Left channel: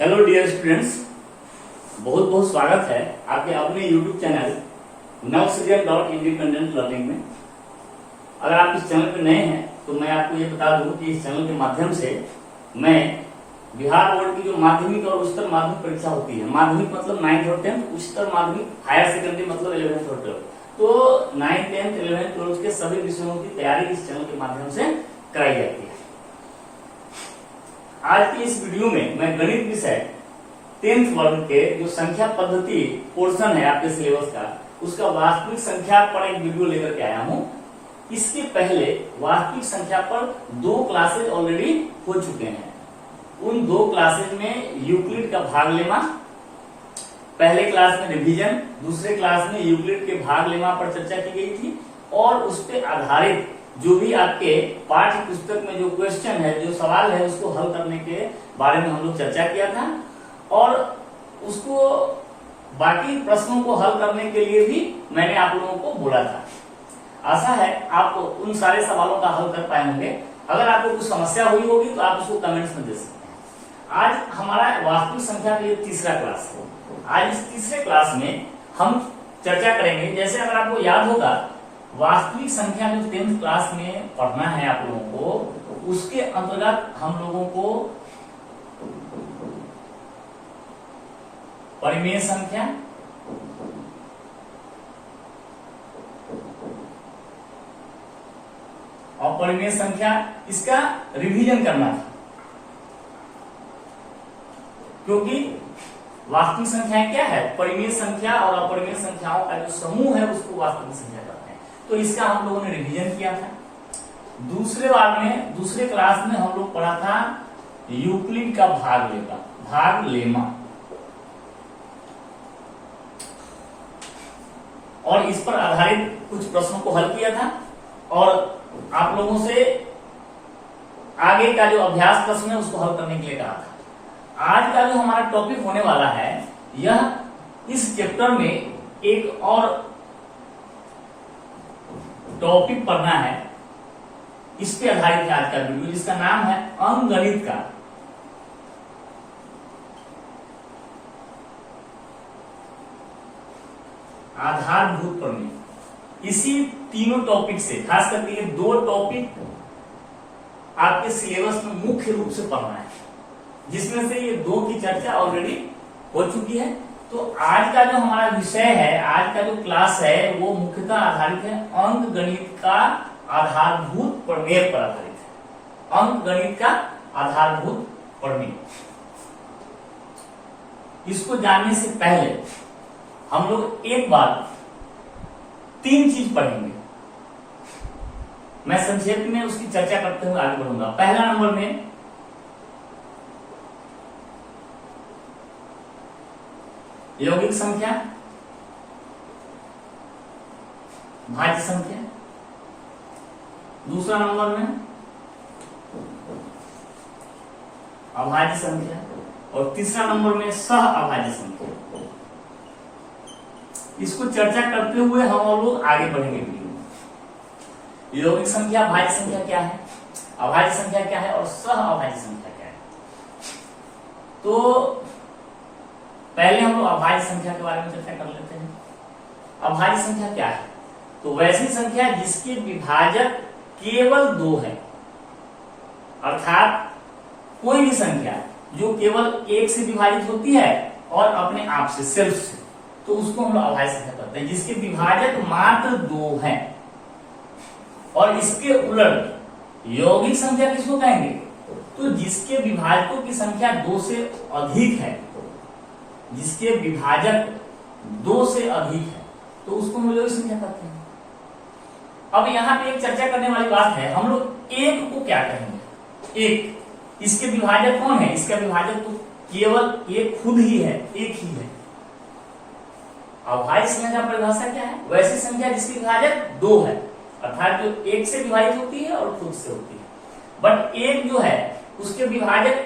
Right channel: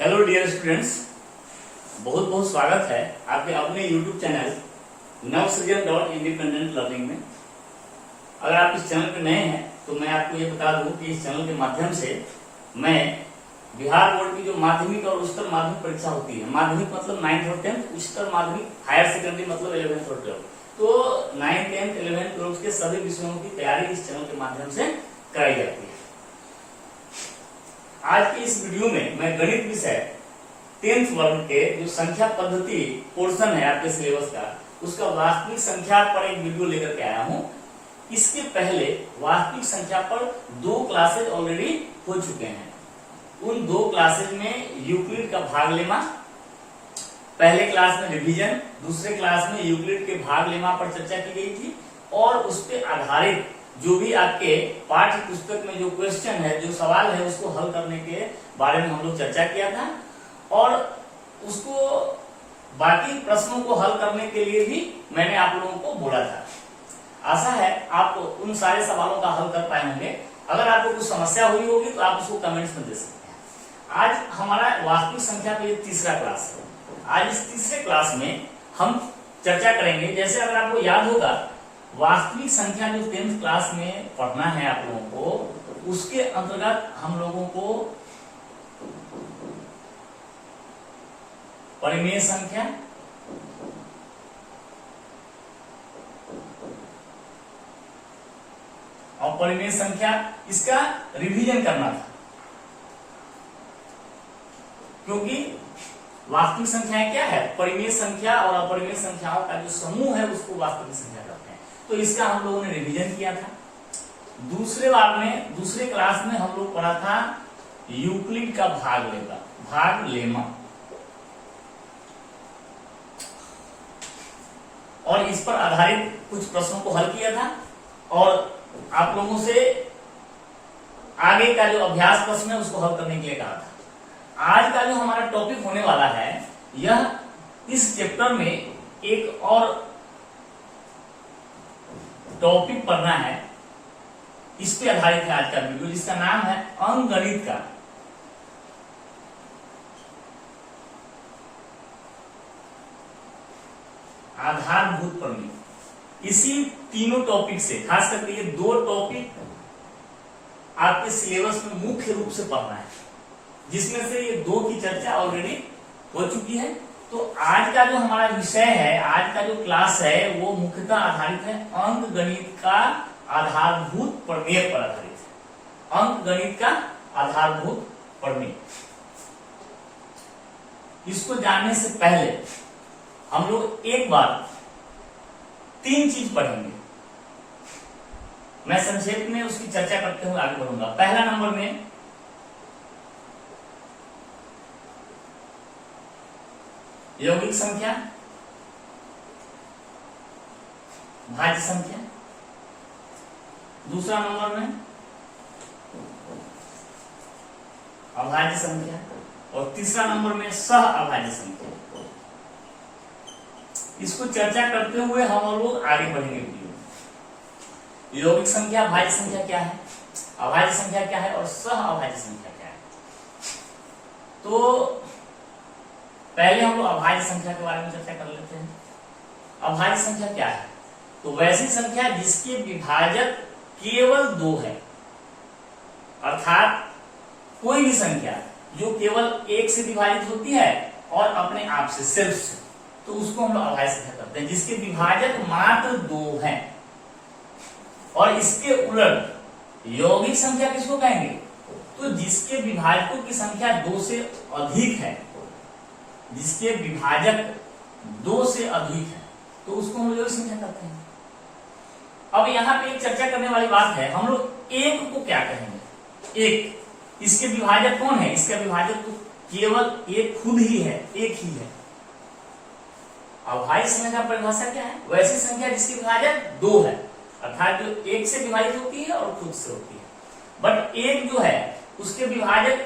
Hello dear students, बहुत बहुत स्वागत है आपके अपने YouTube चैनल नवसृजन.इंडिपेंडेंट लर्निंग में। अगर आप इस चैनल पे नए हैं तो मैं आपको ये बता दूं कि इस चैनल के माध्यम से मैं बिहार बोर्ड की जो माध्यमिक और उच्चतर माध्यमिक परीक्षा होती है, माध्यमिक मतलब 9th और 10th, उच्चतर माध्यमिक हायर सेकेंडरी मतलब 11th और 12th, तो 9th, 10th, 11th, 12th के सभी विषयों की तैयारी इस चैनल के माध्यम से कराई जाती है। आज की इस वीडियो में मैं गणित विषय 10th वर्ग के जो संख्या पद्धति पोर्शन है आपके सिलेबस का, उसका वास्तविक संख्या पर एक वीडियो लेकर के आया हूं। इसके पहले वास्तविक संख्या पर 2 क्लासेज ऑलरेडी हो चुके हैं। उन 2 क्लासेज में यूक्लिड का भाग लेमा, पहले क्लास में रिवीजन, दूसरे क्लास में यूक्लिड के भाग लेमा पर चर्चा की गई थी और उस पर आधारित जो भी आपके पाठ्य पुस्तक में जो क्वेश्चन है, जो सवाल है, उसको हल करने के बारे में हम लोग चर्चा किया था और उसको बाकी प्रश्नों को हल करने के लिए भी मैंने आप लोगों को बोला था। आशा है आप उन सारे सवालों का हल कर पाए होंगे। अगर आपको कुछ समस्या हुई होगी तो आप उसको कमेंट्स में दे सकते हैं। आज हमारा वास्तविक संख्या का ये तीसरा क्लास है। आज इस तीसरे क्लास में हम चर्चा करेंगे, जैसे अगर आपको याद होगा वास्तविक संख्या जो 10th क्लास में पढ़ना है आप लोगों को, उसके अंतर्गत हम लोगों को परिमेय संख्या, अपरिमेय संख्या, इसका रिवीजन करना था, क्योंकि वास्तविक संख्याएं क्या है, परिमेय संख्या और अपरिमेय संख्याओं का जो समूह है उसको वास्तविक संख्या कहते हैं। तो इसका हम लोगों ने रिवीजन किया था। दूसरे क्लास में हम लोग पढ़ा था यूक्लिड का भाग लेमा, और इस पर आधारित कुछ प्रश्नों को हल किया था और आप लोगों से आगे का जो अभ्यास प्रश्न है उसको हल करने के लिए कहा था। आज का जो हमारा टॉपिक होने वाला है, यह इस चैप्टर में एक और टॉपिक पढ़ना है, इस पे आधारित है आज का वीडियो, जिसका नाम है अंकगणित का आधारभूत प्रमेय। इसी तीनों टॉपिक से, खास करके ये 2 टॉपिक आपके सिलेबस में मुख्य रूप से पढ़ना है, जिसमें से ये 2 की चर्चा ऑलरेडी हो चुकी है। तो आज का जो हमारा विषय है, आज का जो क्लास है, वो मुख्यतः आधारित है अंकगणित का आधारभूत प्रमेय पर आधारित है। अंकगणित का आधारभूत प्रमेय, इसको जानने से पहले हम लोग एक बार 3 चीज पढ़ेंगे। मैं संक्षेप में उसकी चर्चा करते हुए आगे बढ़ूंगा। पहला नंबर में यौगिक संख्या, भाज्य संख्या, दूसरा नंबर में अभाज्य संख्या और तीसरा नंबर में सह अभाज्य संख्या। इसको चर्चा करते हुए हम लोग आगे बढ़ेंगे वीडियो में। यौगिक संख्या, भाज्य संख्या क्या है, अभाज्य संख्या क्या है और सह अभाज्य संख्या क्या है। तो पहले हम लोग अभाज्य संख्या के बारे में चर्चा कर लेते हैं। अभाज्य संख्या क्या है? तो वैसी संख्या जिसके विभाजक केवल 2 है, अर्थात कोई भी संख्या जो केवल 1 से विभाजित होती है और अपने आप से, सेल्फ से, तो उसको हम लोग अभाज्य संख्या करते हैं, जिसके विभाजक मात्र 2 हैं। और इसके उलट यौगिक संख्या किसको कहेंगे? तो जिसके विभाजकों की संख्या 2 से अधिक है, जिसके विभाजक 2 से अधिक है, तो उसको हम लोग संख्या कहते हैं। अब यहाँ पे एक चर्चा करने वाली बात है, हम लोग 1 को क्या कहेंगे? 1, इसके विभाजक कौन है? इसका विभाजक तो केवल 1 खुद ही है, 1 ही है। अभाज्य संख्या का परिभाषा क्या है? वैसी संख्या जिसके विभाजक 2 है, अर्थात जो 1 से विभाजित होती है और खुद से होती है। बट 1 जो है उसके विभाजक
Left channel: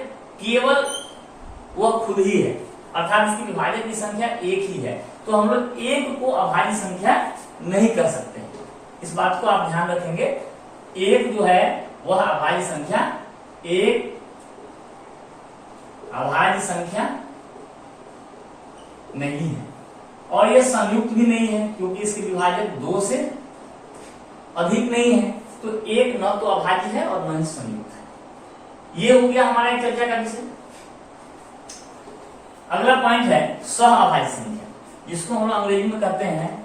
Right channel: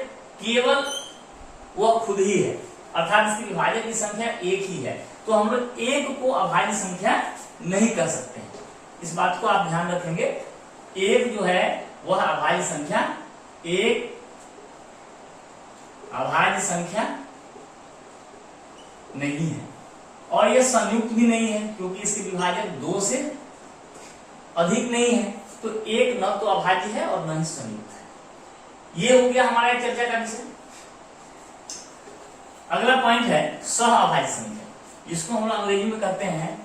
केवल वह खुद ही है, अर्थात इसकी विभाजक की संख्या 1 ही है। तो हम लोग 1 को अभाज्य संख्या नहीं कर सकते हैं। इस बात को आप ध्यान रखेंगे। 1 जो है वह अभाज्य संख्या 1 अभाज्य संख्या नहीं है, और यह संयुक्त भी नहीं है क्योंकि इसके विभाजक 2 से अधिक नहीं है, तो एक न तो अभाज्य है और न ही संयुक्त है। ये हो गया हमारा चर्चा का विषय। अगला पॉइंट है सह अभाज्य संख्या, जिसको हम लोग अंग्रेजी में कहते हैं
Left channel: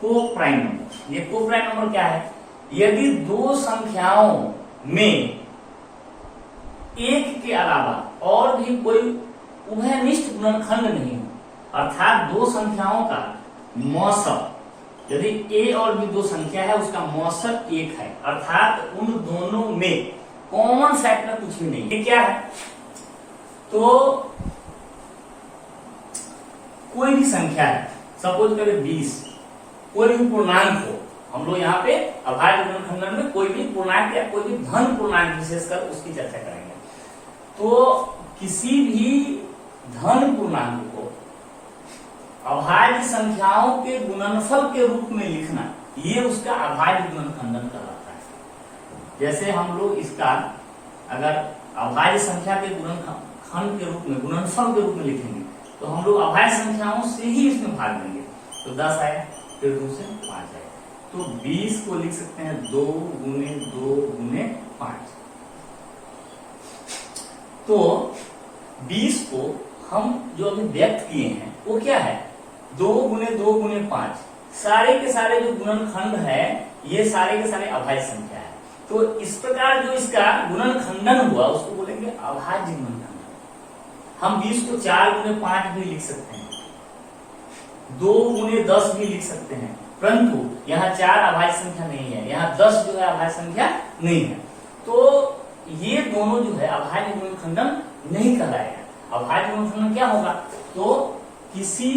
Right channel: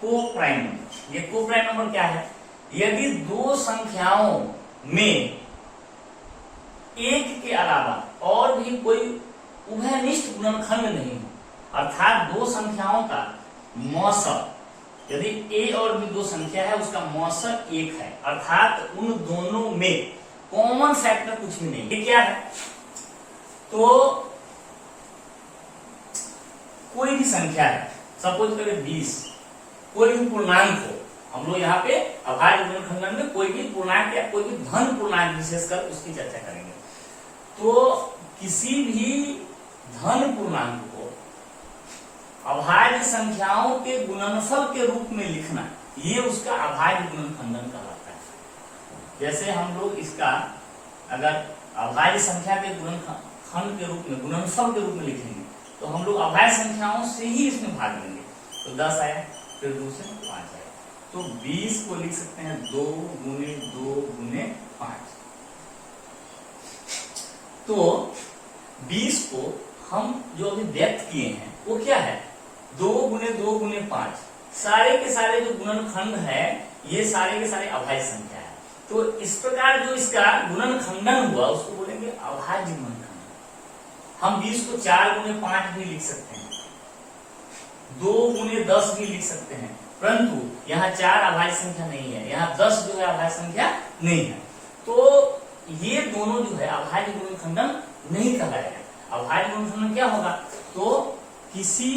को प्राइम नंबर। ये को प्राइम नंबर क्या है? यदि दो संख्याओं में एक के अलावा और भी कोई उभयनिष्ठ गुणनखंड नहीं हो, अर्थात दो संख्याओं का मौसक, यदि a और b दो संख्या है उसका मौसक 1 है, अर्थात उन दोनों में कॉमन फैक्टर कुछ भी नहीं, ये क्या है? तो कोई भी संख्या है, सपोज करें 20, कोई भी पूर्णांक हो, हम लोग यहाँ पे अभाज्य गुणनखंडन में कोई भी पूर्णांक या कोई भी धन पूर्णांक विशेषकर उसकी चर्चा करेंगे। तो किसी भी धन पूर्णांक को अभाज्य संख्याओं के गुणनफल के रूप में लिखना, ये उसका अभाज्य गुणनखंडन कहलाता है। जैसे हम लोग इसका अगर अभाज्य संख्या के गुणनखंड के रूप में, गुणनफल के रूप में लिखेंगे, तो हम लोग अभाज्य संख्याओं से ही इसमें भाग लेंगे। तो 10 आया, फिर 2 से 5 आया, तो 20 को लिख सकते हैं 2 गुने 2 गुने 5। तो 20 को हम जो अभी व्यक्त किए हैं वो क्या है? 2 गुने 2 गुने 5। सारे के सारे जो गुणनखंड है ये सारे के सारे अभाज्य संख्या है। तो इस प्रकार जो इसका गुणनखंडन हुआ उसको बोलेंगे अभाज्य गुणनखंडन। हम 20 को 4 गुने 5 भी लिख सकते हैं, 2 गुने 10 भी लिख सकते हैं, परंतु यहाँ 4 अभाज्य संख्या नहीं है, यहाँ 10 जो है अभाज्य संख्या नहीं है। तो ये दोनों जो है अभाज्य गुणनखंडन नहीं कहलाएगा। अभाज्य गुणनखंडन क्या होगा? तो किसी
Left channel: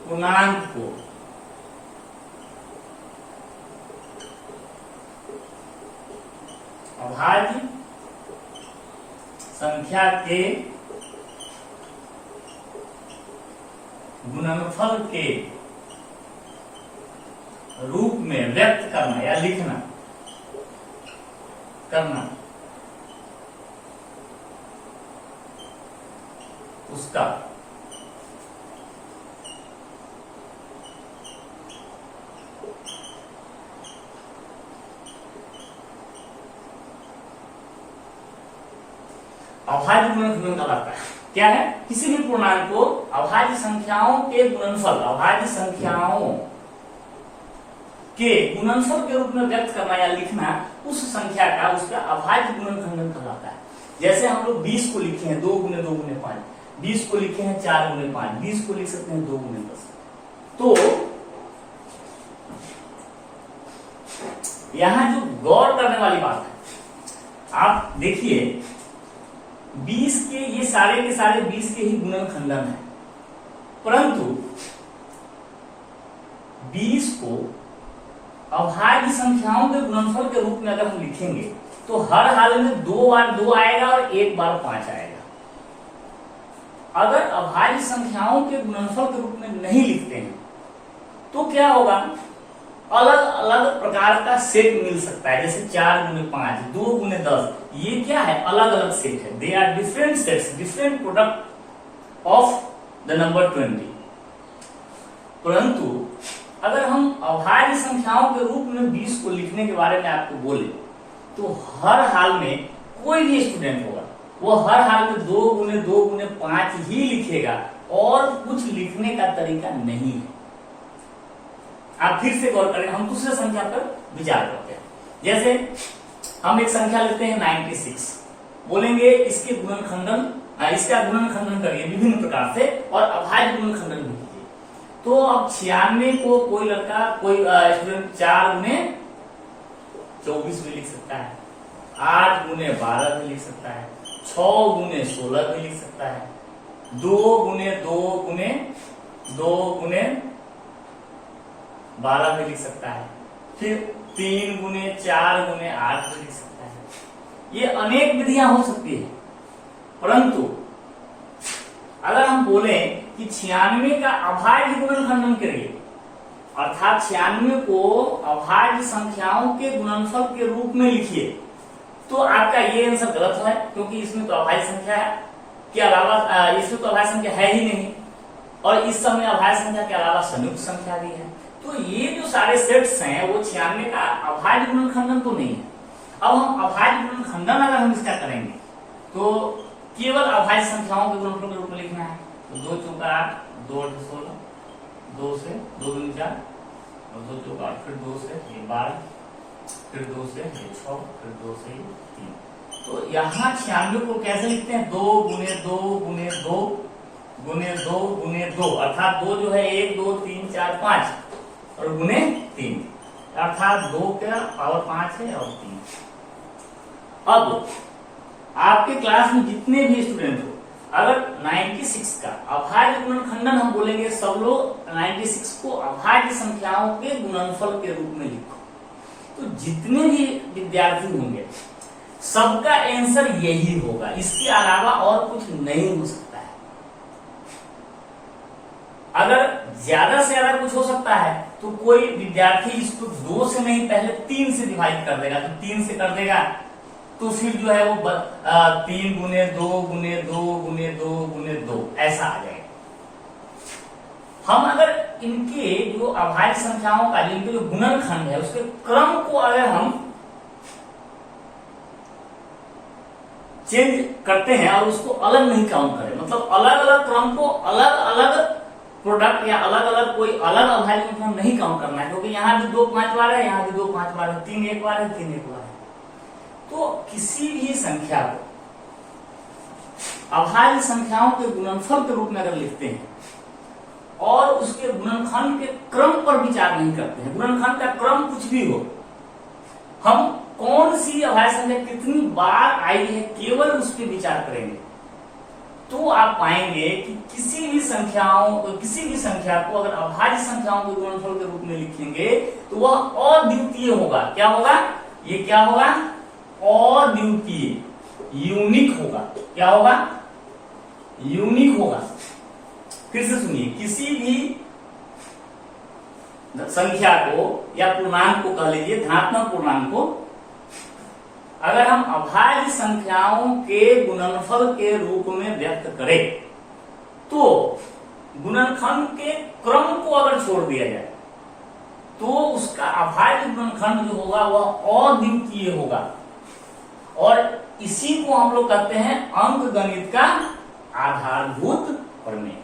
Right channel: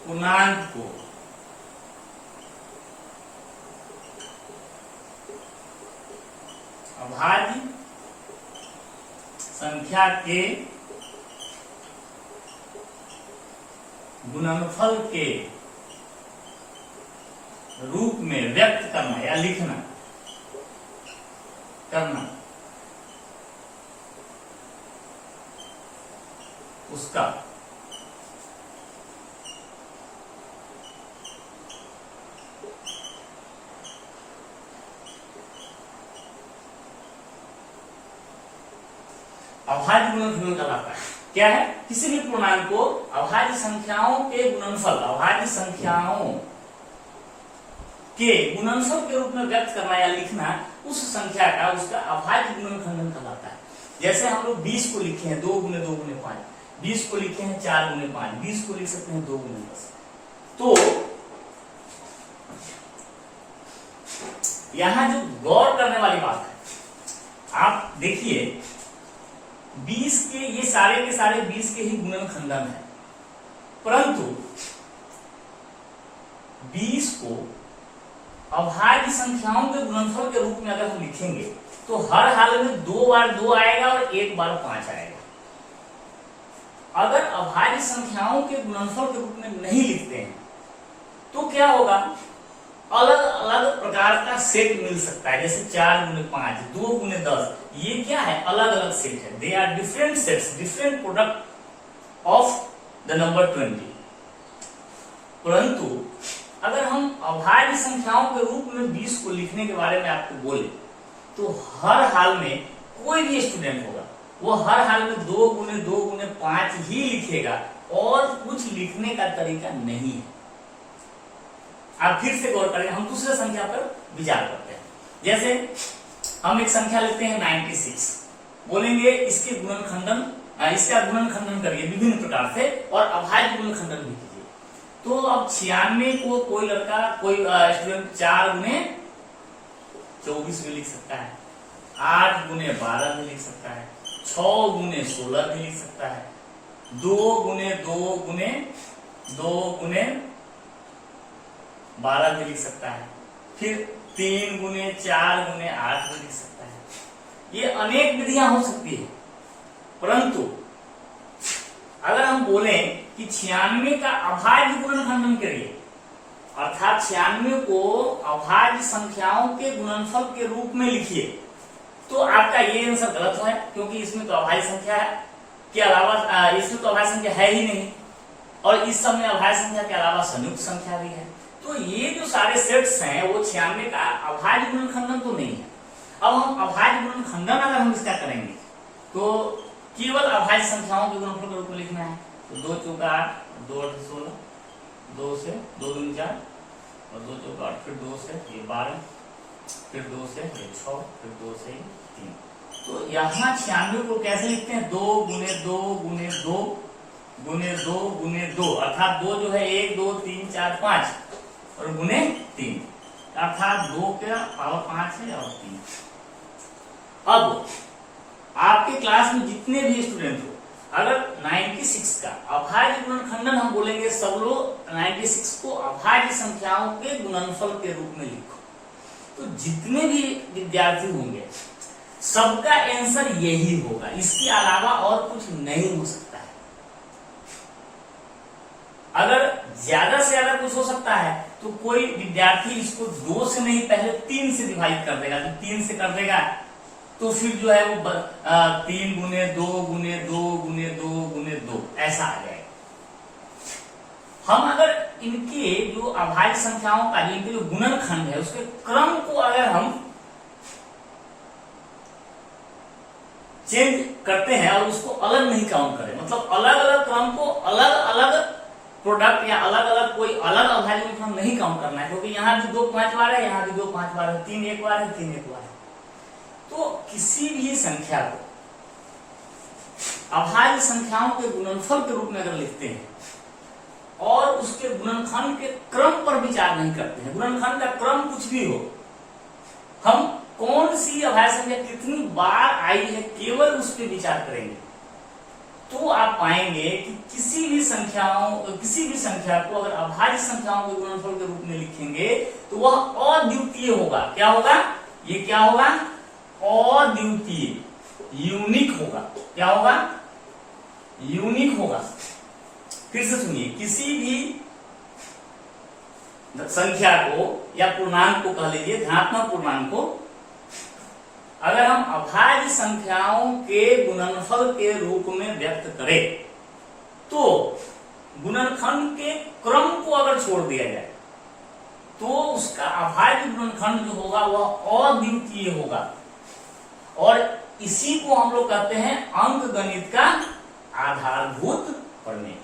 पूर्णांक को अभाज्य संख्या के गुणनफल के रूप में व्यक्त करना या लिखना करना, उसका अभाज्य गुणनखंडन कहलाता है। क्या है? किसी भी पूर्णांक को अभाज्य संख्याओं के गुणनफल, अभाज्य संख्याओं के गुणनफल के रूप में व्यक्त करना या लिखना, उस संख्या का उसका अभाज्य गुणनखंडन कहलाता है। जैसे हम लोग 20 को लिखे हैं 2 गुने 2 गुने 5, 20 को लिखे हैं 4 गुने 5, 20 को लिख सकते हैं 2 गुने 10। तो यहां जो गौर करने वाली बात है, आप देखिए 20 के ये सारे के सारे 20 के ही गुणनखंडन है, परंतु 20 को अभाज्य संख्याओं के गुणनफल के रूप में अगर हम लिखेंगे तो हर हाल में 2 बार 2 आएगा और 1 बार 5 आएगा। अगर अभाज्य संख्याओं के गुणनफल के रूप में नहीं लिखते हैं तो क्या होगा? अलग अलग प्रकार का सेट मिल सकता है, जैसे 4 गुने 5, 2 गुने 10, ये क्या है? अलग अलग सेट है। They are different sets, different product of the number 20। परंतु अगर हम अभाज्य संख्याओं के रूप में 20 को लिखने के बारे में आपको बोले तो हर हाल में कोई भी स्टूडेंट होगा वो हर हाल में 2 गुने 2 गुने 5 ही लिखेगा और कुछ लिखने का तरीका नहीं है। आप फिर से गौर करें, हम दूसरे संख्या पर विचार करते हैं। जैसे हम एक संख्या लेते हैं 96, बोलेंगे इसके गुणनखंडन, इसका गुणनखंडन करिए विभिन्न प्रकार से और अभाज्य गुणनखंडन भी कीजिए। तो अब 96 को कोई लड़का, कोई स्टूडेंट 4 गुने 24 भी लिख सकता है, 8 गुने 12 भी लिख सकता है, 6 गुने 16 भी लिख सकता है, 2 गुने 2 गुने 2 गुने 12 भी लिख सकता है, फिर 3 गुने 4 गुने 8 भी लिख सकता है। ये अनेक विधियां हो सकती है, परंतु अगर हम बोले कि 96 का अभाज्य गुणनखंडन करिए, अर्थात 96 को अभाज्य संख्याओं के गुणनफल के रूप में लिखिए, तो आपका ये आंसर गलत है, क्योंकि इसमें तो अभाज्य संख्या के अलावा इसमें तो अभाज्य संख्या है ही नहीं, और इस समय अभाज्य संख्या के अलावा संयुक्त संख्या भी है। तो ये जो सारे सेट्स हैं वो 96 का अभाज्य गुणनखंडन तो नहीं है। अब हम अभाज्य गुणनखंडन अगर हम इसका करेंगे तो केवल अभाज्य संख्याओं के गुणनफल के रूप में लिखना है। तो 2 चौका 8, 2 8 16, 2 से 2 दूनी 4, और 2 चौका 8, फिर 2 से ये 12, फिर 2 से ये 6, फिर 2 से ये 3। तो यहाँ 96 को कैसे लिखते हैं? 2 गुने 2 गुने 2 गुने 2 गुने 2, अर्थात 2 जो है 1 2 3 4 5 और गुने 3, अर्थात 2 का पावर 5 है और 3। अब आपके क्लास में जितने भी स्टूडेंट हो, अगर 96 का अभाज्य गुणनखंडन हम बोलेंगे, सब लोग 96 को अभाज्य संख्याओं के गुणनफल के रूप में लिखो। तो जितने भी विद्यार्थी होंगे सबका आंसर यही होगा, इसके अलावा और कुछ नहीं हो सकता है। अगर ज्यादा से ज्यादा कुछ हो सकता है तो कोई विद्यार्थी इसको 2 से नहीं पहले 3 से डिवाइड कर देगा, तो 3 से कर देगा तो फिर जो है वो 3 गुने 2 गुने 2 गुने 2 गुने 2 ऐसा आ जाएगा। हम अगर इनके जो अभाज्य संख्याओं का इनके जो गुणनखंड है उसके क्रम को अगर हम चेंज करते हैं और उसको अलग नहीं काउंट करें, मतलब अलग अलग क्रम को अलग अलग प्रोडक्ट या अलग अलग कोई अलग अभाज्य गुणनखंड नहीं काउंट करना है, क्योंकि यहाँ भी 2 5 बार है, यहाँ भी 2 5 बार है, 3 1 बार है, 3 1 बार है। तो किसी भी संख्या को अभाज्य संख्याओं के गुणनफल के रूप में अगर लिखते हैं और उसके गुणनखंड के क्रम पर विचार नहीं करते हैं, गुणनखंड का क्रम कुछ भी हो, हम कौन सी अभाज्य संख्या कितनी बार आई है केवल उस पर विचार करेंगे, तो आप पाएंगे कि किसी भी संख्या को अगर अभाज्य संख्याओं के गुणनफल के रूप में लिखेंगे तो वह अद्वितीय होगा। क्या होगा? ये क्या होगा? अद्वितीय, यूनिक होगा। क्या होगा? यूनिक होगा। फिर से सुनिए, किसी भी संख्या को या पूर्णांक को कह लीजिए, धनात्मक पूर्णांक को अगर हम अभाज्य संख्याओं के गुणनफल के रूप में व्यक्त करें तो गुणनखंड के क्रम को अगर छोड़ दिया जाए तो उसका अभाज्य गुणनखंड जो होगा वह अद्वितीय होगा, और इसी को हम लोग कहते हैं अंकगणित का आधारभूत प्रमेय।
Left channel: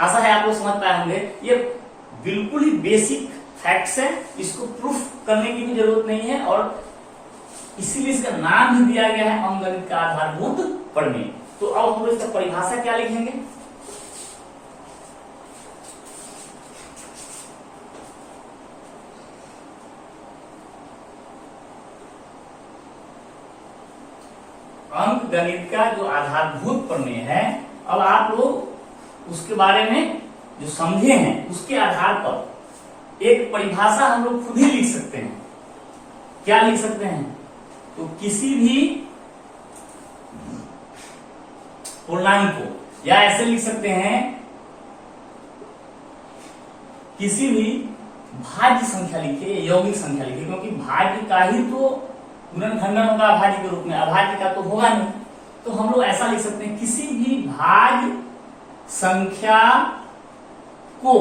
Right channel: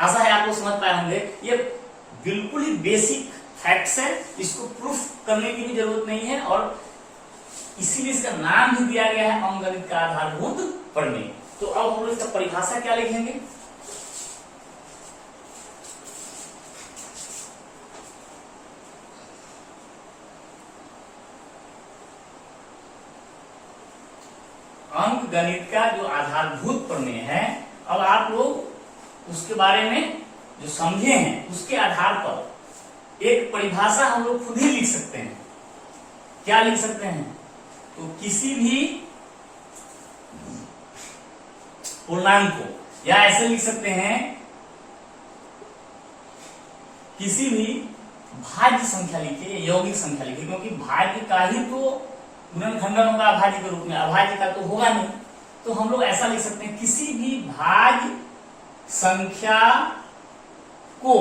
आशा है आप लोग समझ पाए होंगे। ये बिल्कुल ही बेसिक फैक्ट्स है, इसको प्रूफ करने की भी जरूरत नहीं है, और इसीलिए इसका नाम भी दिया गया है अंकगणित का आधारभूत प्रमेय। तो अब हम लोग इसका परिभाषा क्या लिखेंगे? अंकगणित का जो आधारभूत प्रमेय है, अब आप लोग उसके बारे में जो समझे हैं उसके आधार पर एक परिभाषा हम लोग खुद ही लिख सकते हैं। क्या लिख सकते हैं? तो किसी भी पूर्णांक को, या ऐसे लिख सकते हैं किसी भी भाज्य संख्या लिखिए, यौगिक संख्या लिखिए, क्योंकि भाज्य का ही तो गुणनखंडन होगा अभाज्य के रूप में, अभाज्य का तो होगा नहीं। तो हम लोग ऐसा लिख सकते हैं, किसी भी भाज्य संख्या को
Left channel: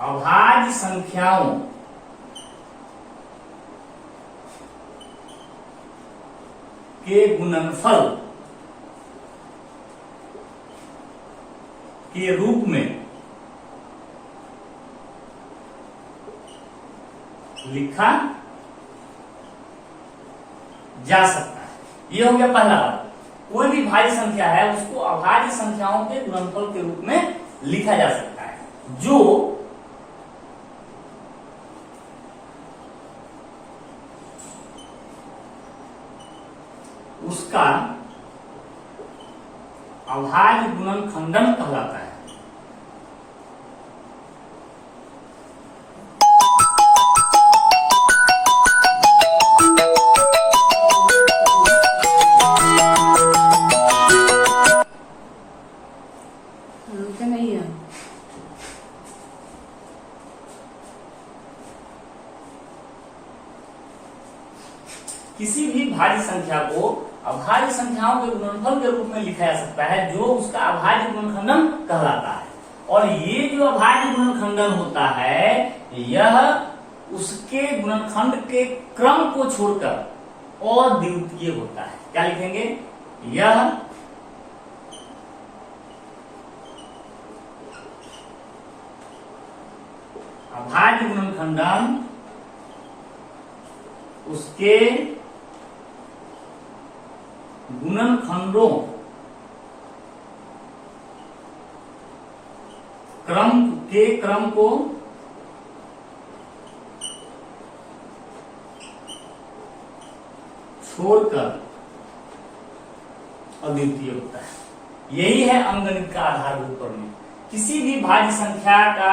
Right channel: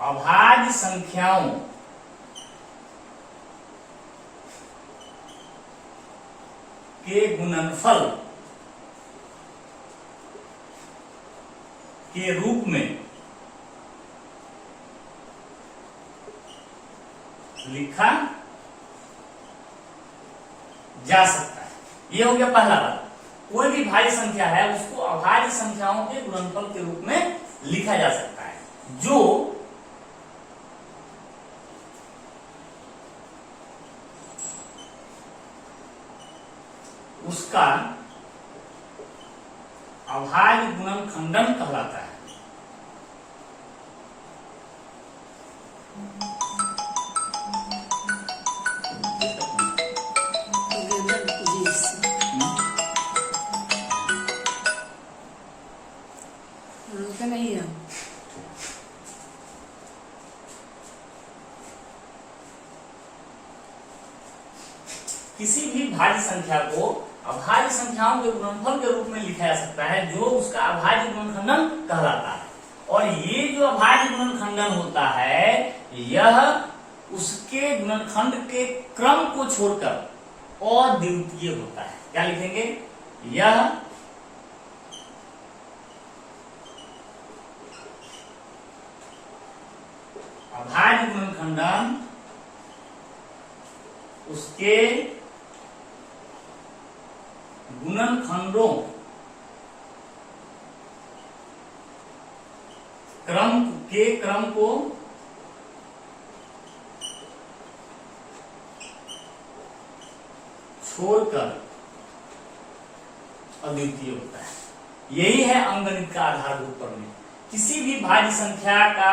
अभाज्य संख्याओं के गुणनफल के रूप में लिखा जा सकता है। यह हो गया पहला बात। कोई भी भाज्य संख्या है उसको अभाज्य संख्याओं के गुणनफल के रूप में लिखा जा सकता है, जो उसका अभाज्य गुणनखंडन कहलाता है। किसी भी भाज्य संख्या को अभाज्य संख्याओं के गुणनफल के रूप में लिखा जा सकता है जो उसका अभाज्य गुणनखंडन कहलाता है। और ये जो अभाज्य गुणनखंडन होता है यह उसके गुणनखंड के क्रम को छोड़कर अद्वितीय होता है। क्या लिखेंगे? यह अभाज्य गुणनखंडन उसके गुणनखंडों क्रम को छोड़कर अद्वितीय होता है। यही है अंकगणित का आधारभूत प्रमेय। किसी भी भाज्य संख्या का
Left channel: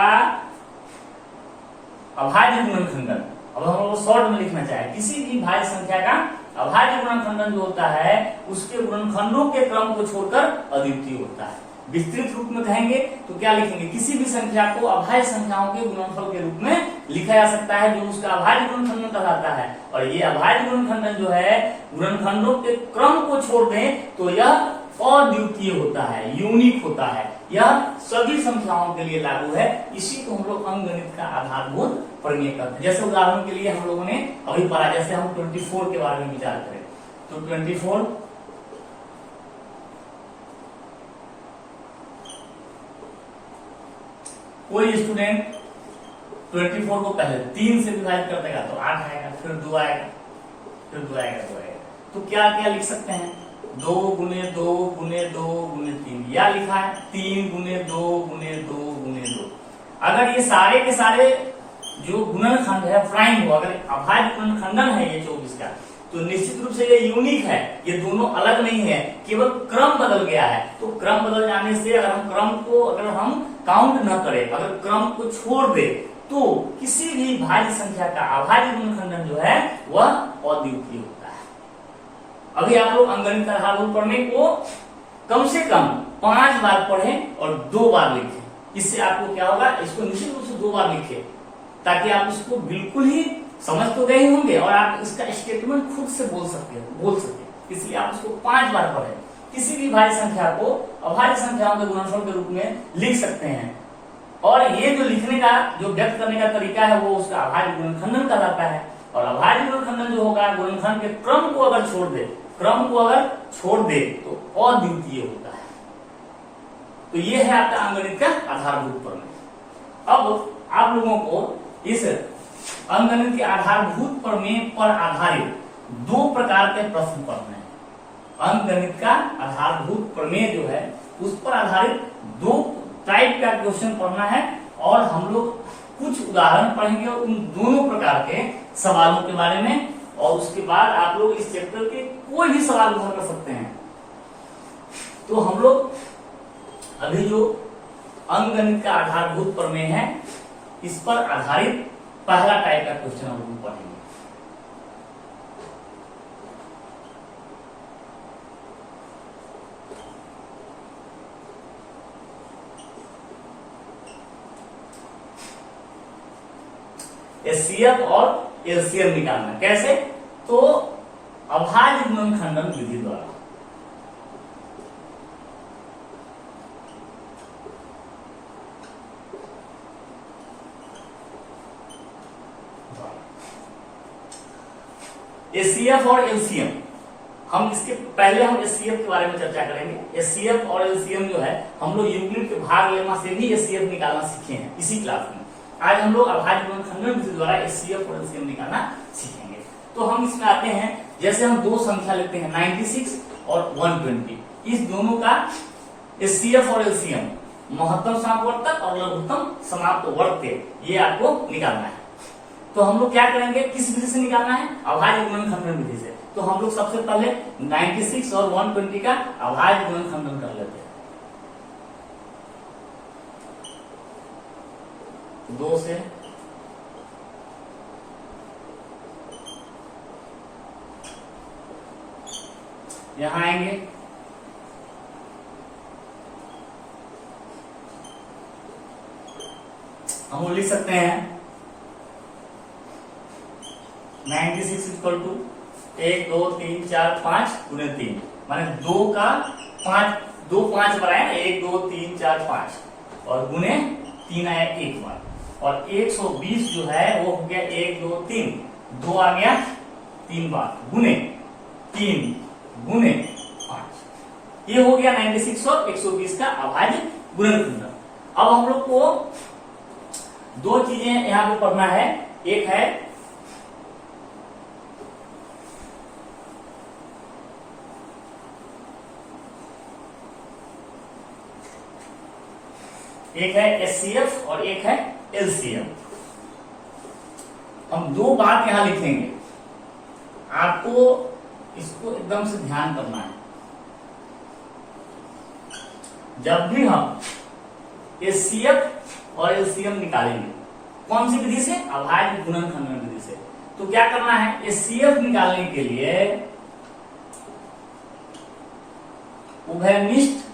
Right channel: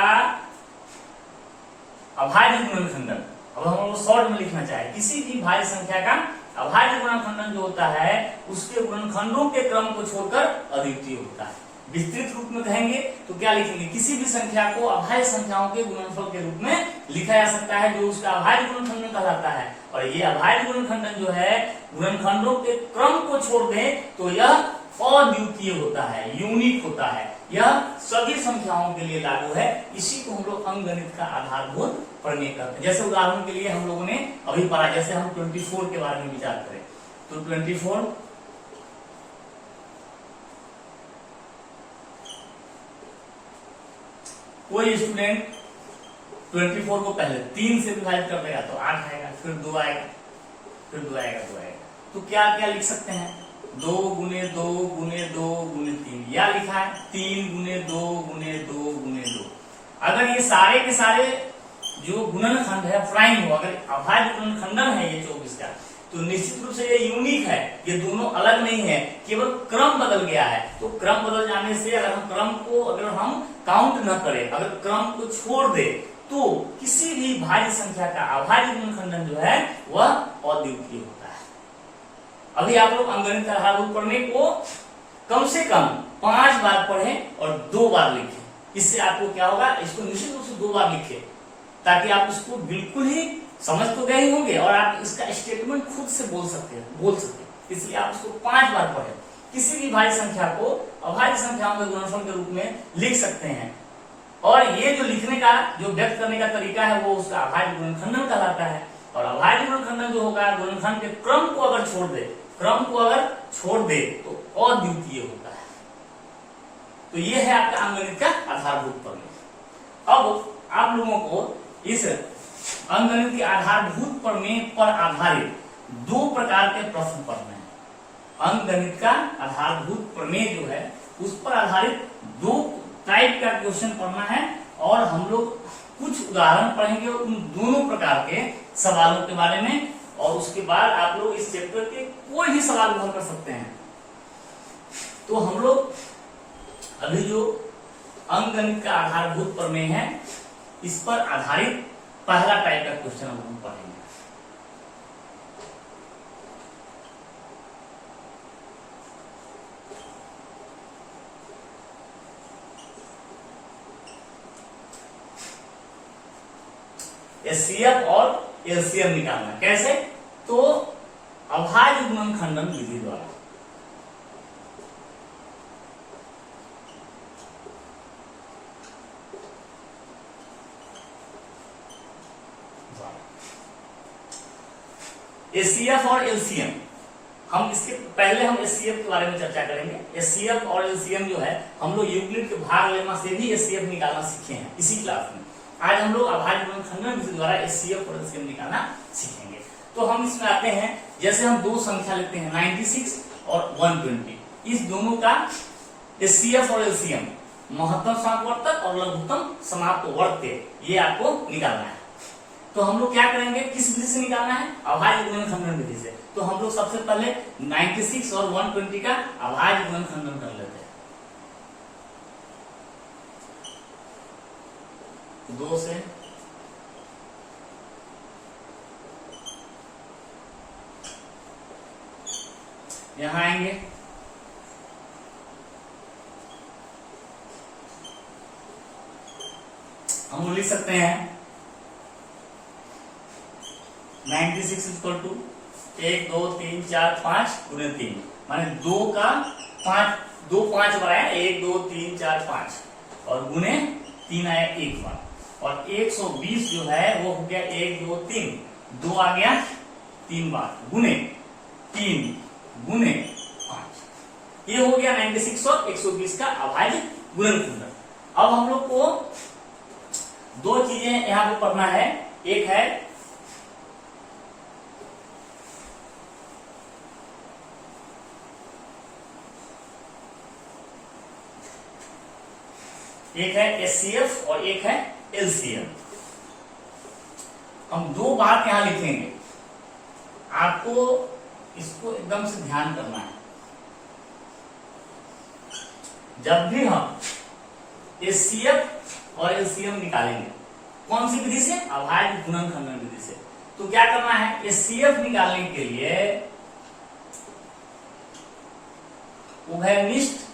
अभाज्य गुणनखंडन, अब हम लोग शॉर्ट में लिखना चाहे, किसी भी भाज्य संख्या का अभाज्य गुणनखंडन जो होता है उसके गुणनखंडों के क्रम को छोड़कर अद्वितीय होता है। विस्तृत रूप में कहेंगे तो क्या लिखेंगे? किसी भी संख्या को अभाज्य संख्याओं के गुणनफल के रूप में लिखा जा सकता है जो उसका अभाज्य गुणनखंडन कहलाता है। और ये अभाज्य गुणनखंडन जो है गुणनखंडों के क्रम को छोड़ दें तो यह अद्वितीय होता है, यूनिक होता है। यह सभी संख्याओं के लिए लागू है। इसी को हम लोग अंकगणित का आधारभूत प्रमेय कहते हैं। जैसे उदाहरण के लिए हम लोगों ने अभी पढ़ा, जैसे हम 24 के बारे में विचार करें तो 24 कोई स्टूडेंट 24 को पहले 3 से विभाजित कर देगा तो 8 आएगा, फिर 2 आएगा, फिर 2 आएगा, 2 आएगा। तो क्या क्या लिख सकते हैं? 2 गुने 2 गुने 2 गुने 3, या लिखा है 3 गुने 2 गुने 2 गुने 2। अगर ये सारे के सारे जो गुणनखंड है प्राइम हो, अगर अभाज्य गुणनखंडन है ये 24 का, तो निश्चित रूप से ये यूनिक है। ये दोनों अलग नहीं है, केवल क्रम बदल गया है। तो क्रम बदल जाने से अगर हम क्रम को अगर हम काउंट न करें, अगर क्रम को छोड़ दे तो किसी भी भाज्य संख्या का अभाज्य गुणनखंडन जो है वह अद्वितीय होता है। अभी आप लोग अंकगणित का आधारभूत प्रमेय को कम से कम 5 बार पढ़ें और 2 बार लिखें। इससे आपको क्या होगा? इसको निश्चित रूप से 2 बार लिखें ताकि आप इसको बिल्कुल ही समझ तो गए होंगे और आप इसका स्टेटमेंट खुद से बोल सके। इसलिए आप उसको 5 बार पढ़ें। किसी भी भाज्य संख्या को अभाज्य संख्याओं के गुणनफल के रूप में लिख सकते हैं। और ये जो लिखने का, जो व्यक्त करने का तरीका है वो उसका अभाज्य गुणनखंडन कहलाता है। और अभाज्य गुणनखंडन जो होगा गुणनखंड के क्रम को अगर छोड़ दे तो अद्वितीय होता है। तो ये है आपका अंकगणित का आधारभूत प्रमेय। अब आप लोगों को इस अंकगणित के आधारभूत प्रमेय पर आधारित 2 प्रकार के प्रश्न पढ़ने हैं। अंकगणित का आधारभूत प्रमेय जो है उस पर आधारित 2 टाइप का क्वेश्चन पढ़ना है और हम लोग कुछ उदाहरण पढ़ेंगे उन दोनों प्रकार के सवालों के बारे में। और उसके बाद आप लोग इस चैप्टर के कोई भी सवाल उधर कर सकते हैं। तो हम लोग अभी जो अंकगणित का आधारभूत प्रमेय है इस पर आधारित पहला टाइप का क्वेश्चन हम लोग पढ़ेंगे। एचसीएफ और एलसीएम निकालना कैसे? तो अभाज्य गुणनखंडन विधि द्वारा। एचसीएफ और एलसीएम, हम इसके पहले हम एचसीएफ के बारे में चर्चा करेंगे। एचसीएफ और एलसीएम जो है हम लोग यूक्लिड के भाग लेमा से भी एचसीएफ निकालना सीखे हैं इसी क्लास में। आज हम लोग अभाज्य गुणनखंडन विधि द्वारा एचसीएफ और एलसीएम निकालना सीखेंगे। तो हम इसमें आते हैं, जैसे हम 2 संख्या लेते हैं 96 और 120, इस दोनों का एचसीएफ और एलसीएम महत्तम समापवर्तक और लघुत्तम समापवर्त्य ये आपको निकालना है। तो हम लोग क्या करेंगे, किस विधि से निकालना है? अभाज्य गुणनखंडन विधि से। तो हम लोग सबसे पहले 96 और 120 का अभाज्य गुणनखंडन कर लेते हैं। 2 से यहां आएंगे, हम वो लिख सकते हैं 96 इक्वल टू 1 2 3 4 5 गुने 3 माने 2 का 5, 2 5 बार आया, 1 2 3 4 5 और गुने 3 आया एक बार, और 120 जो है वो हो गया 1 2 3, 2 आ गया 3 बार गुने 3 गुने 5। ये हो गया 96 और 120 का अभाज्य गुणनखंड। अब हम लोग को दो चीजें यहां पे पढ़ना है, एक है एचसीएफ और एक है एलसीएम। हम दो बात यहां लिखेंगे, आपको इसको एकदम से ध्यान करना है। जब भी हम एचसीएफ और एलसीएम निकालेंगे, कौन सी विधि से? अभाज्य गुणनखंड विधि से। तो क्या करना है, एचसीएफ निकालने के लिए उभयनिष्ठ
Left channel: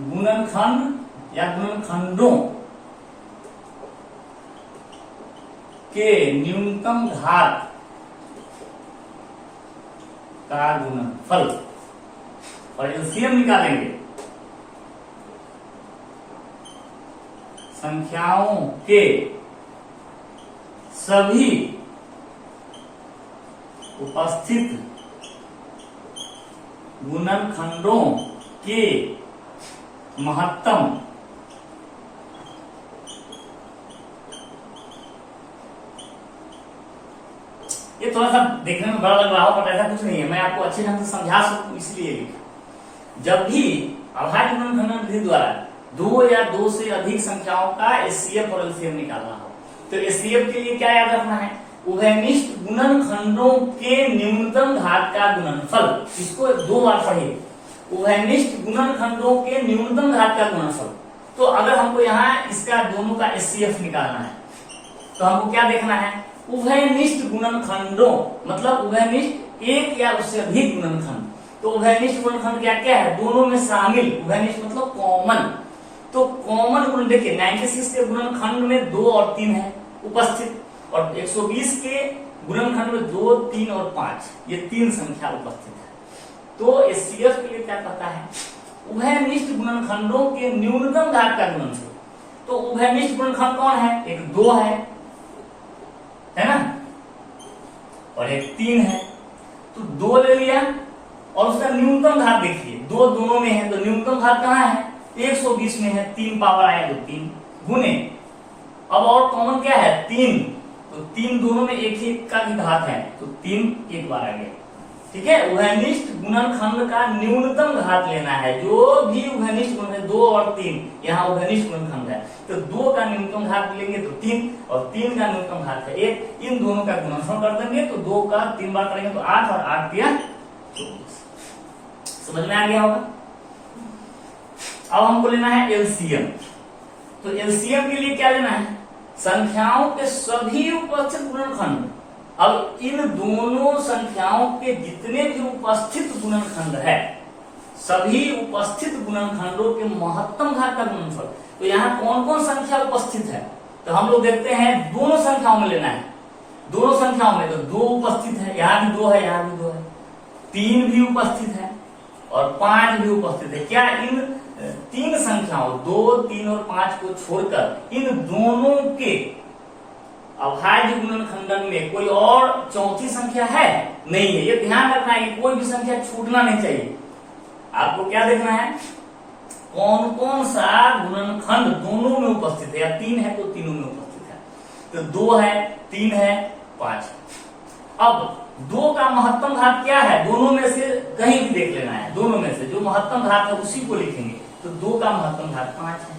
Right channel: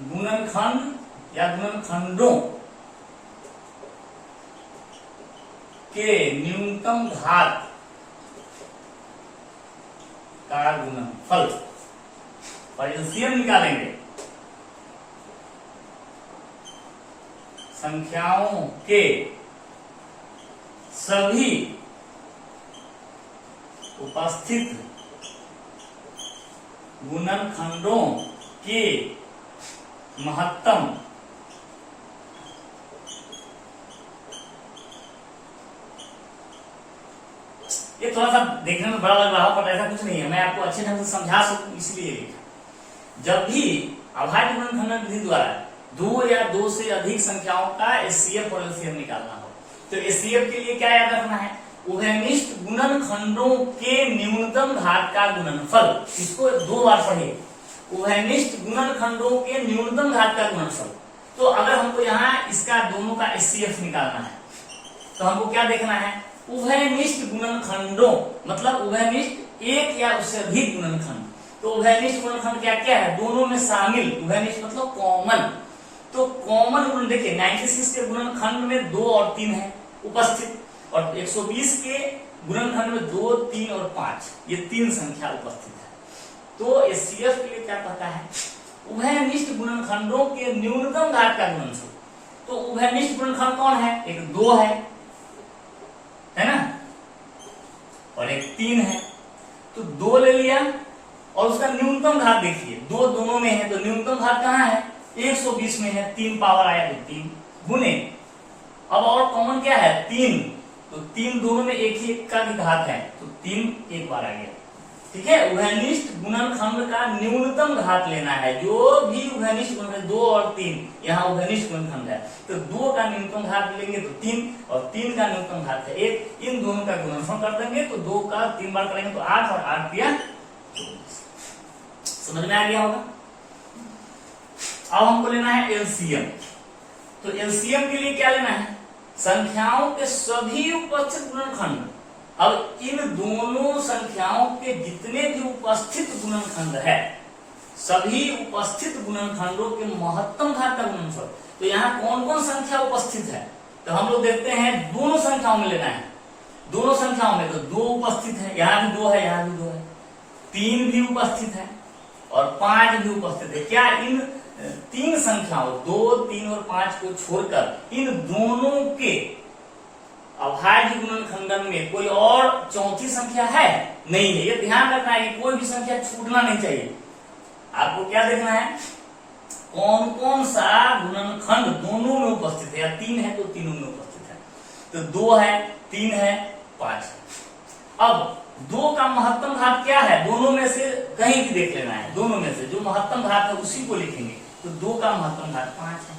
गुणनखंड या गुणनखंडों के न्यूनतम घात का गुणनफल, और एलसीएम निकालेंगे संख्याओं के सभी उपस्थित गुणनखंडों के महत्तम ये थोड़ा सा देखने में बड़ा लग रहा हो, पर ऐसा कुछ नहीं है, मैं आपको अच्छे ढंग से समझा सकूं इसलिए लिखा। जब भी अभाज्य गुणनखंड विधि द्वारा दो या दो से अधिक संख्याओं का एचसीएफ और एलसीएम निकालना हो, तो एचसीएफ के लिए क्या याद रखना है? उभयनिष्ठ गुणनखंडों के न्यूनतम घात का गुणनफल। इसको दो बार पढ़िए, उभयनिष्ठ गुणनखंडों के न्यूनतम घात का गुणनफल। तो अगर हमको यहाँ इसका दोनों का एचसीएफ निकालना है, तो हमको क्या देखना है? उभयनिष्ठ गुणनखंडों मतलब उभयनिष्ठ एक या उससे अधिक गुणनखंड। तो उभयनिष्ठ गुणनखंड क्या क्या है? दोनों में शामिल, उभयनिष्ठ मतलब कॉमन। तो कॉमन गुण देखिए 96 के गुणनखंड में 2 और 3 है उपस्थित, और 120 के गुणनखंड में 2 3 और 5 ये 3 संख्या उपस्थित है। तो एचसीएफ के लिए क्या कहता है? उभयनिष्ठ गुणनखंडों के न्यूनतम घात का गुणनफल। तो उभयनिष्ठ गुणनखंड कौन है? एक 2 है ना, और एक 3 है। तो 2 ले लिया और उसका न्यूनतम घात देखिए, 2 दोनों में है, तो न्यूनतम घात कहाँ है? 120 में है, 3 पावर आया तो 3 गुने, अब और कॉमन क्या है? 3, तो 3 दोनों में एक ही का भी घात है, तो 3 एक बार आ गया। ठीक है, उभयनिष्ठ गुणनखंड का न्यूनतम घात लेना है। जो भी उभयनिष्ठ गुणनखंड 2 और 3 यहाँ उभयनिष्ठ गुणनखंड है, तो 2 का न्यूनतम घात लेंगे तो 3, और 3 का न्यूनतम घात है 1, इन दोनों का गुणनफल कर देंगे, तो 2 का 3 बार करेंगे तो 8 और 8 दिया 24। समझ में आ गया होगा। अब हमको लेना है एलसीएम। तो एलसीएम के लिए क्या लेना है? संख्याओं के सभी उपस्थित गुणनखंड। अब इन दोनों संख्याओं के जितने भी उपस्थित गुणनखंड है, सभी उपस्थित गुणनखंडों के महत्तम घात का गुणनफल। तो यहाँ कौन कौन संख्या उपस्थित है? तो हम लोग देखते हैं दोनों संख्याओं में लेना है। दोनों संख्याओं में तो 2 उपस्थित है, यहाँ भी 2 है, यहाँ भी 2 है, 3 भी उपस्थित है और 5 भी उपस्थित है। क्या इन 3 संख्याओं 2 3 और 5 को छोड़कर इन दोनों के अभाज्य गुणनखंडन में कोई और चौथी संख्या है? नहीं है। ये ध्यान रखना है कि कोई भी संख्या छूटना नहीं चाहिए। आपको क्या देखना है? कौन कौन सा गुणनखंड दोनों में उपस्थित है, या 3 है तो तीनों में उपस्थित है। तो 2 है, 3 है, 5 है। अब 2 का महत्तम घात क्या है? दोनों में से कहीं भी देख लेना है, दोनों में से जो महत्तम घात है उसी को लिखेंगे। तो 2 का महत्तम घात 5 है,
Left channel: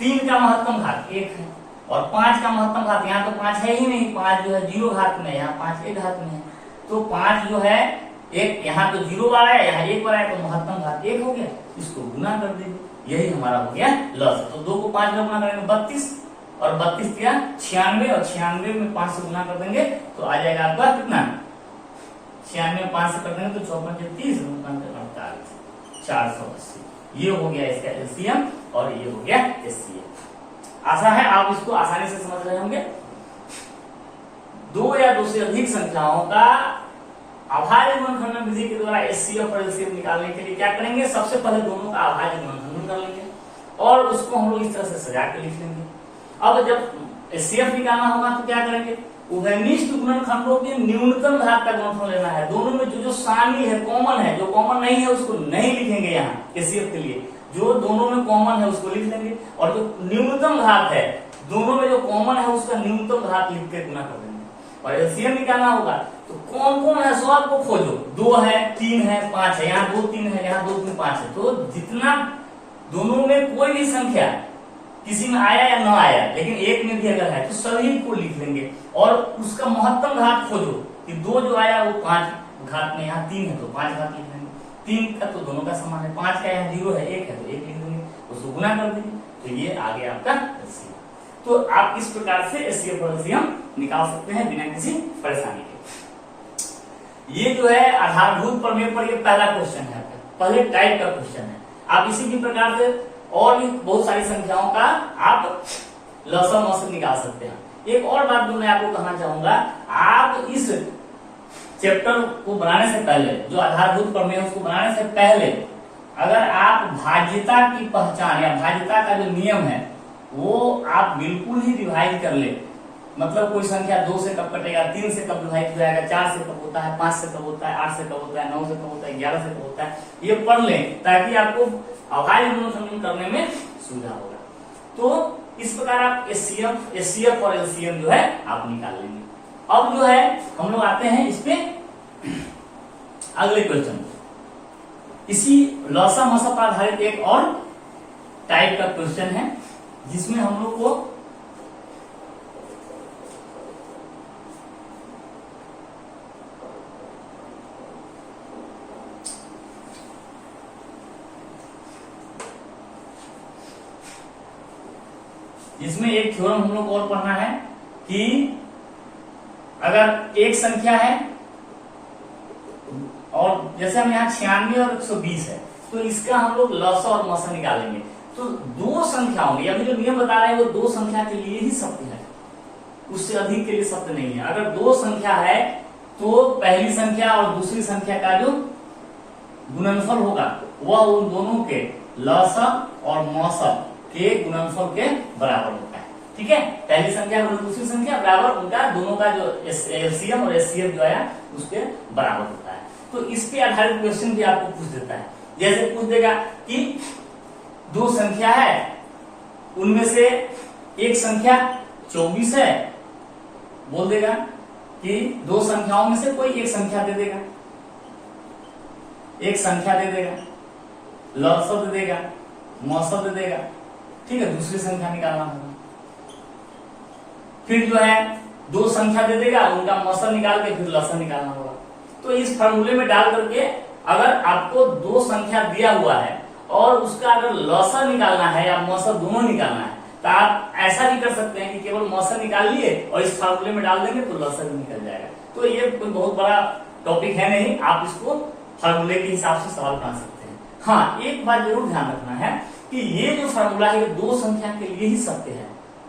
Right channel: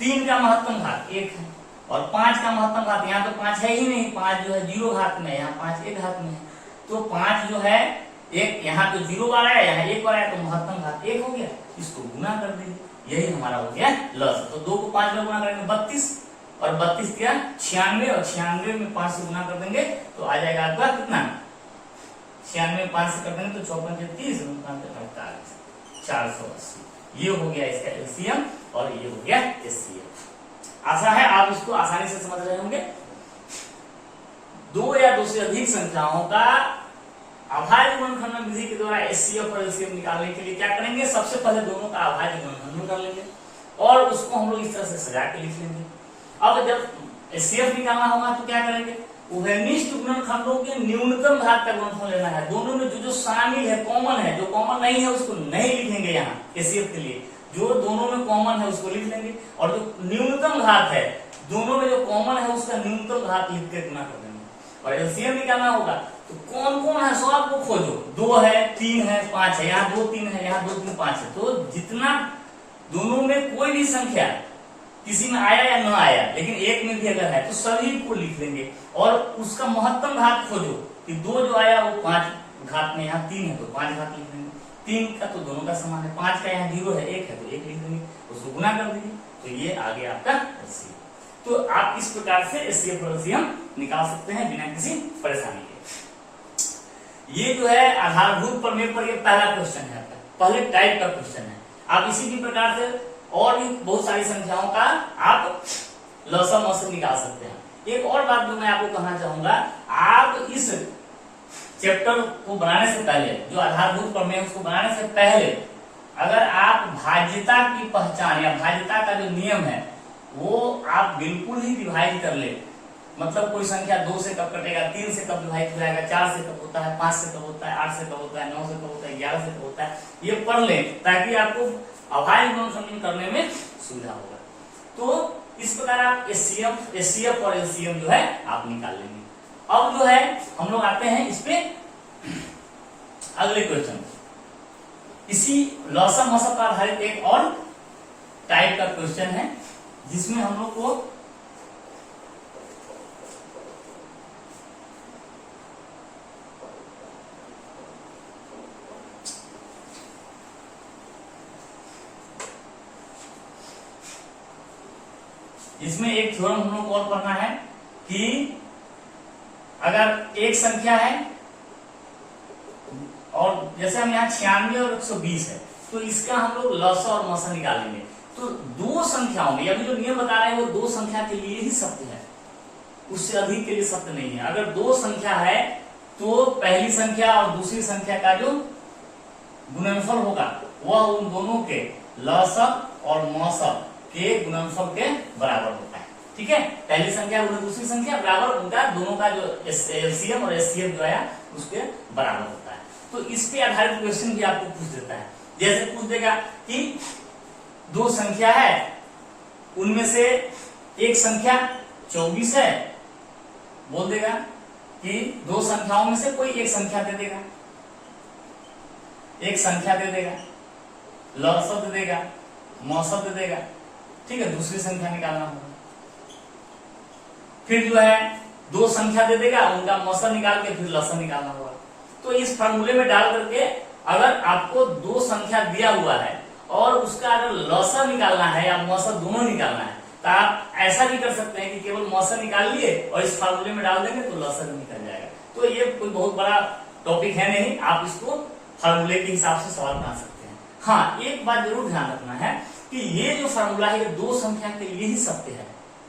3 का महत्तम घात 1 है, और 5 का महत्तम घात, यहाँ तो 5 है ही नहीं, 5 जो है 0 घात में, यहाँ 5 1 घात में है। तो 5 जो है एक, यहाँ तो 0 बार आया, यहाँ 1 बार आया, तो महत्तम घात 1 हो गया। इसको गुना कर दीजिए, यही हमारा हो गया लस। तो 2 को 5 में गुना करेंगे 32, और 32 क्या 96, और 96 में 5 से गुना कर देंगे तो आ जाएगा आपका कितना? 96 में 5 से कर देंगे तो 54 30 48, 480। ये हो गया इसका एलसीएम और ये हो गया एचसीएफ। आशा है आप इसको आसानी से समझ रहे होंगे। दो या दो से अधिक संख्याओं का अभाज्य गुणनखंडन विधि के द्वारा एचसीएफ और एलसीएम निकालने के लिए क्या करेंगे, सबसे पहले दोनों का अभाज्य गुणनखंडन कर लेंगे और उसको हम लोग इस तरह से सजा के लिख लेंगे। अब जब एचसीएफ निकालना होगा तो क्या करेंगे, उभयनिष्ठ गुणनखंडों के न्यूनतम घात का गुणनफल लेना है। दोनों में जो जो शामिल है, कॉमन है, जो कॉमन नहीं है उसको नहीं लिखेंगे यहाँ एचसीएफ के लिए, जो दोनों में कॉमन है उसको लिख लेंगे और जो न्यूनतम घात है, दोनों में जो कॉमन है उसका न्यूनतम घात लिख के गुना कर देंगे। और एलसीएम निकालना होगा तो कौन कौन है सो आपको खोजो, 2 है, 3 है, 5 है, यहाँ 2 3 है, यहाँ 2 3 5 है, तो जितना दोनों में कोई भी संख्या किसी में आया या ना आया, लेकिन एक में भी अगर है तो सभी को लिख लेंगे और उसका महत्तम घात खोजो कि 2 जो आया वो 5 घात में, यहाँ 3 है तो 5 घात लिख लेंगे, 3 का तो दोनों का समान है, 5 का यहाँ 0 है, 1 है तो 1 लिख देंगे, उसको गुना कर देंगे, तो ये आ गया आपका एलसीएम। तो आप इस प्रकार से एचसीएफ और एलसीएम निकाल सकते हैं बिना किसी परेशानी के। ये जो है आधारभूत प्रमेय पर ये पहला क्वेश्चन है, पहले टाइप का क्वेश्चन है। आप इसी की प्रकार से और भी बहुत सारी संख्याओं का आप लसम औसत निकाल सकते हैं। एक और बात जो मैं आपको कहना चाहूंगा, आप इस चैप्टर को बनाने से पहले, जो आधारभूत प्रमेय उसको बनाने से पहले, अगर आप भाज्यता की पहचान या भाज्यता का जो नियम है वो आप बिल्कुल ही रिवाइज कर ले। मतलब कोई संख्या 2 से कब कटेगा, 3 से कब विभाजित हो जाएगा, 4 से कब होता है, 5 से कब होता है, 8 से कब होता है, 9 से कब होता है, 11 से कब होता है, ये पढ़ लें ताकि आपको अभाज्य गुणनखंडन करने में सुविधा होगा। तो इस प्रकार आप एचसीएफ और एलसीएम जो है आप निकाल लेंगे। अब जो है हम लोग आते हैं इस पे अगले क्वेश्चन, इसी लॉसम मसम पर आधारित एक और टाइप का क्वेश्चन है जिसमें हम लोग को इसमें एक थ्योरम हम लोग को और पढ़ना है कि अगर एक संख्या है और जैसे हम यहाँ 96 और 120 है तो इसका हम लोग लसा और मसा निकालेंगे। तो दो संख्याओं में, अभी जो नियम बता रहे हैं वो दो संख्या के लिए ही सत्य है, उससे अधिक के लिए सत्य नहीं है। अगर दो संख्या है तो पहली संख्या और दूसरी संख्या का जो गुणनफल होगा वह उन दोनों के लसम और मसम के गुणनफल के बराबर होता है। ठीक है, पहली संख्या और दूसरी संख्या बराबर, उनका दोनों का जो एलसीएम और एचसीएफ जो आया उसके बराबर होता है। तो इस पे आधारित क्वेश्चन भी आपको पूछ देता है। जैसे पूछ देगा कि दो संख्या है, उनमें से एक संख्या 24 है, बोल देगा कि दो संख्याओं में से कोई एक संख्या दे देगा, एक संख्या दे देगा, लसम दे देगा, मसम दे देगा। ठीक है, दूसरी संख्या निकालना होगा। फिर जो है दो संख्या दे देगा, उनका मसम निकाल के फिर लसम निकालना होगा। तो इस फार्मूले में डाल करके अगर आपको दो संख्या दिया हुआ है और उसका अगर लसम निकालना है या मसम दोनों निकालना है तो आप ऐसा भी कर सकते हैं कि केवल मसम निकाल लिए और इस फार्मूले में डाल देंगे तो लसम भी निकल जाएगा। तो ये कोई बहुत बड़ा टॉपिक है नहीं, आप इसको फार्मूले के हिसाब से सवाल बना सकते हैं। हाँ, एक बात जरूर ध्यान रखना है कि ये जो फार्मूला है ये दो संख्या के लिए ही सत्य है।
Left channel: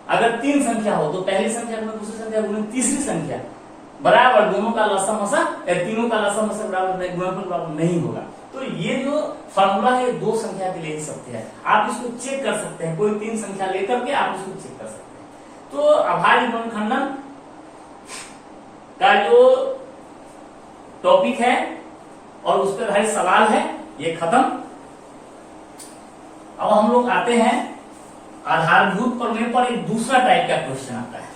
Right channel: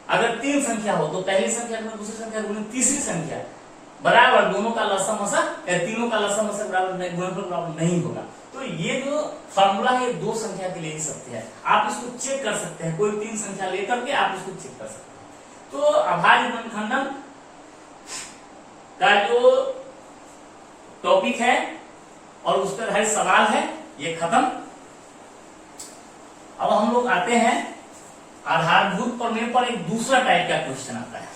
अगर तीन संख्या हो तो पहली संख्या में दूसरी संख्या गुणे तीसरी संख्या बराबर, दोनों का लसम मसम, तीनों का लसम मसम बराबर, गुणनफल बराबर नहीं होगा। तो ये जो फार्मूला है दो संख्या के लिए ही सत्य है। आप इसको चेक कर सकते हैं, कोई तीन संख्या लेकर के आप इसको चेक कर सकते हैं। तो अभाज्य गुणनखंडन का जो टॉपिक है और उस पर आधारित सवाल है ये खत्म। अब हम लोग आते हैं आधारभूत प्रमेय पर एक दूसरा टाइप का क्वेश्चन आता है।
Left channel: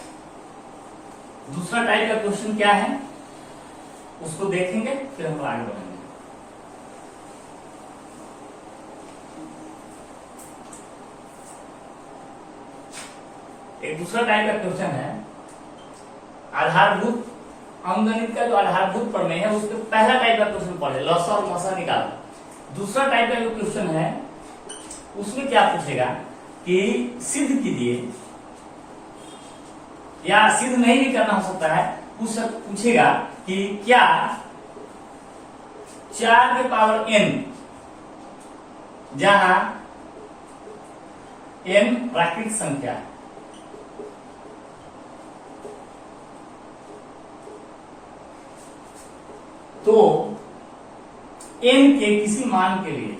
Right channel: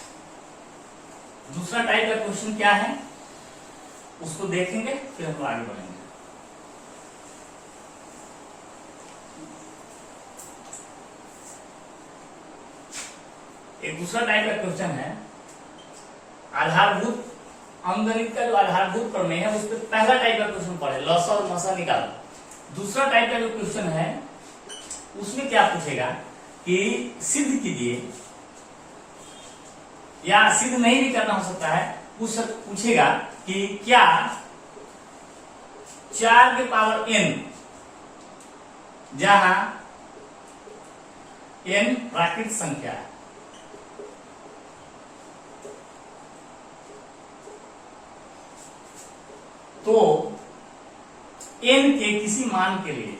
दूसरा टाइप का क्वेश्चन क्या है उसको देखेंगे, फिर हम आगे बढ़ेंगे। एक दूसरा टाइप का क्वेश्चन है आधारभूत अंकगणित का जो आधारभूत प्रमेय है उसके पहला टाइप का क्वेश्चन पढ़े, लसा और मसा निकालो। दूसरा टाइप का जो क्वेश्चन है उसमें क्या पूछेगा कि सिद्ध कीजिए, या सिद्ध नहीं भी करना हो सकता है, पूछेगा कि क्या 4 के पावर n, जहां n प्राकृतिक संख्या है, तो n के किसी मान के लिए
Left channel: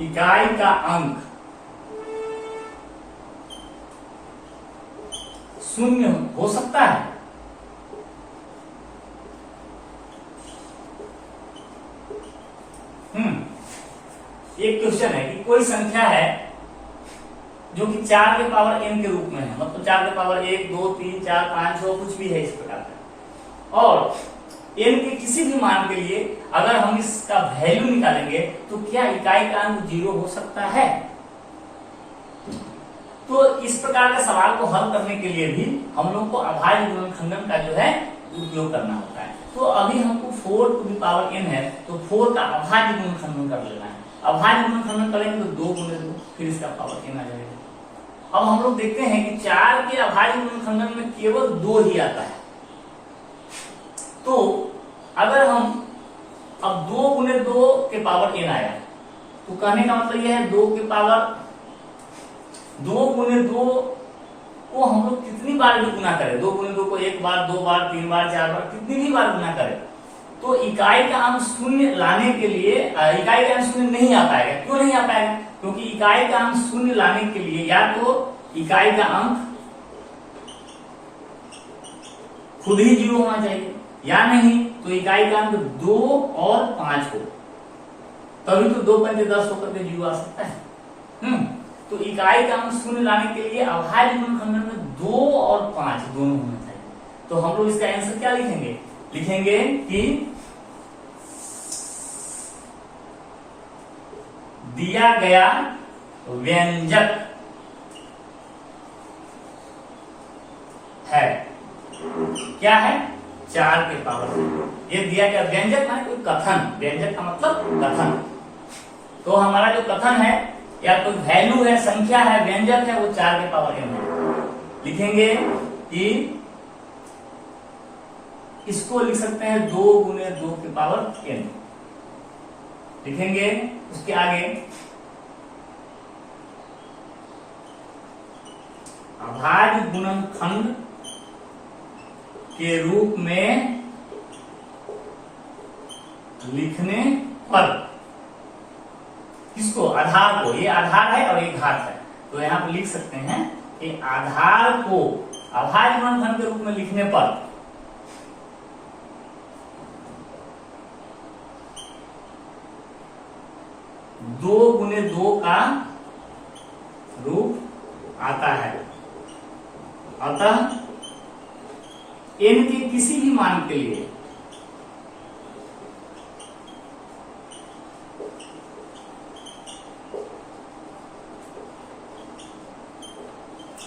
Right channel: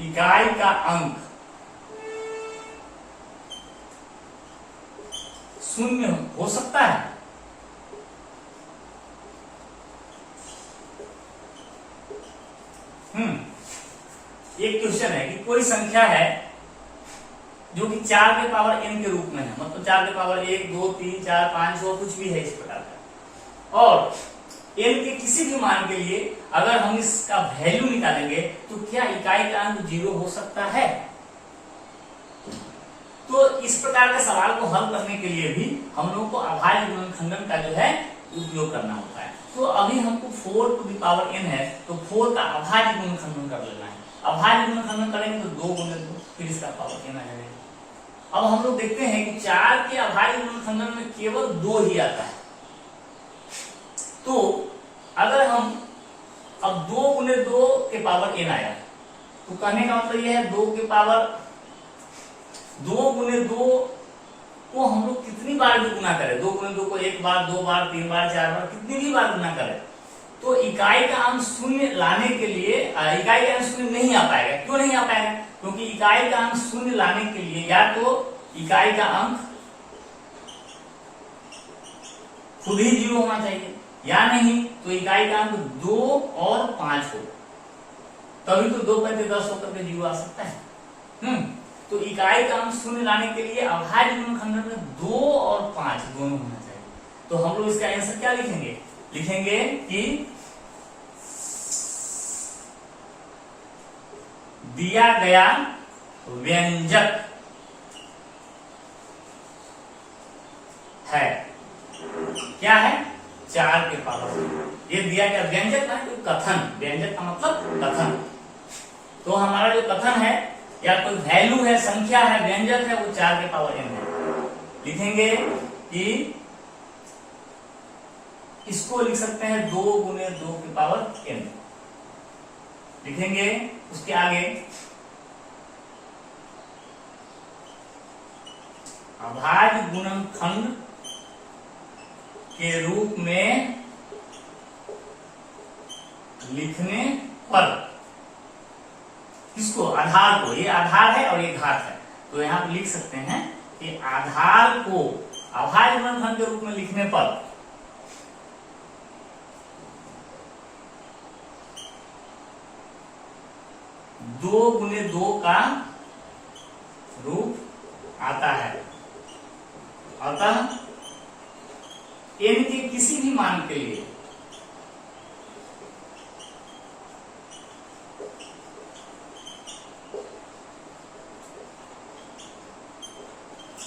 इकाई का अंक शून्य हो सकता है। एक क्वेश्चन है कि कोई संख्या है जो कि 4 के पावर n के रूप में है, मतलब 4 के पावर 1, 2, 3, 4, 5, 6 कुछ भी है इस प्रकार का, और n के किसी भी मान के लिए अगर हम इसका वैल्यू निकालेंगे तो क्या इकाई का अंक 0 हो सकता है? तो इस प्रकार का सवाल को हल करने के लिए भी हम लोग को अभाज्य गुणनखंडन का जो है उपयोग करना होता है। तो अभी हमको 4 टू द पावर n है, तो 4 का अभाज्य गुणनखंडन कर लेना है। अभाज्य गुणनखंडन करेंगे तो 2 गुणे 2, फिर इसका पावर n आ जाएगा। अब हम लोग देखते हैं कि 4 के अभाज्य गुणनखंडन में केवल 2 ही आता है। तो अगर हम अब 2 गुणे 2 के पावर n आया, तो कहने का मतलब यह है 2 के पावर 2 गुणे 2 को हम लोग कितनी बार भी गुना करें, 2 गुणे 2 को 1 बार, 2 बार, 3 बार, 4 बार, कितनी भी बार गुना करें, तो इकाई का अंक शून्य लाने के लिए इकाई का अंक शून्य नहीं आ पाएगा। क्यों नहीं आ पाएगा? क्योंकि इकाई का अंक शून्य लाने के लिए या तो इकाई का अंक खुद ही 0 होना चाहिए, या नहीं तो इकाई का अंक 2 और 5 हो, तभी तो 2 पंचे 10 होकर के 0 आ सकता है। तो इकाई का अंक शून्य लाने के लिए अभाज्य गुणनखंडन में 2 और 5 दोनों होना चाहिए। तो हम लोग इसका आंसर क्या लिखेंगे? लिखेंगे कि दिया गया व्यंजक है, क्या है? 4 के पावर। ये दिया गया व्यंजक है कोई कथन, व्यंजक का मतलब कथन। तो हमारा जो कथन है या कोई वैल्यू है, संख्या है, व्यंजक है, वो 4 के पावर n है। लिखेंगे कि इसको लिख सकते हैं 2 गुणे 2 के पावर n। लिखेंगे उसके आगे अभाज्य गुणनखंड के रूप में लिखने पर, किसको? आधार को। ये आधार है और ये घात है, तो यहां पर लिख सकते हैं कि आधार को अभाज्य गुणनखंड के रूप में लिखने पर दो गुणे 2 का रूप आता है। अतः n के किसी भी मान के लिए